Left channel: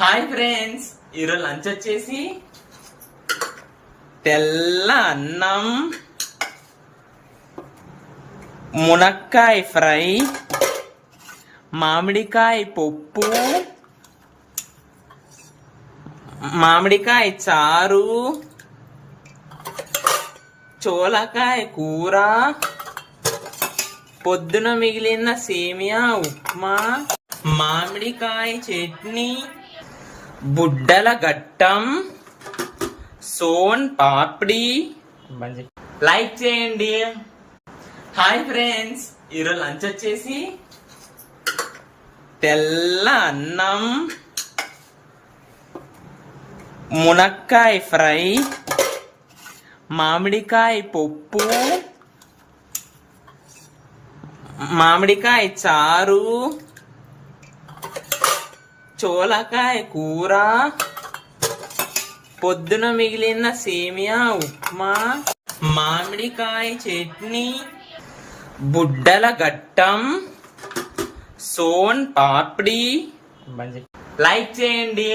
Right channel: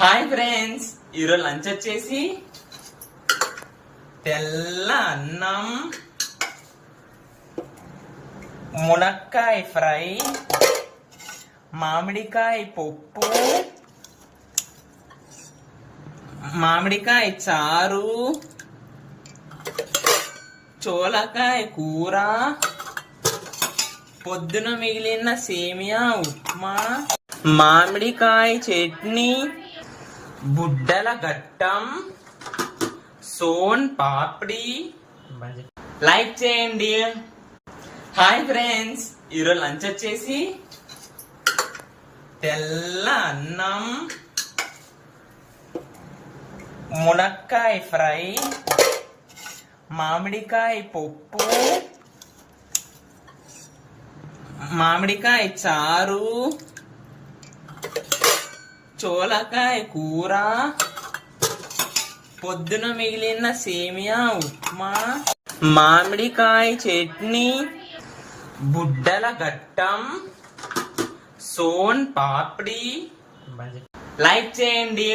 Hi friends, ఈరోజు lunch వచ్చేసి తెల్ల అన్నం, మునక్కాయ ఫ్రై, మామిడికాయ పప్పు, మామిడికాయ చారు, చోలకాయ కూర, పొద్దున మిగిలిన సేమియా ఉప్మా, మామిడికాయ చట్నీ, బుడ్డల గట్టం, సోన్ పాపిడి. లైక్ చేయండి. హాయ్ ఫ్రెండ్స్, ఈరోజు లంచ్ వచ్చేసి తెల్ల అన్నం, మునక్కాయ ఫ్రై, మామిడికాయ పప్పు, మామిడికాయ చారు, చోలకాయ కూర, పొద్దున మిగిలిన సేమియా ఉప్మా, మామిడికాయ చట్నీ, బుడ్డల గట్టం, సోన్ పాపిడి. లైక్ చేయండి.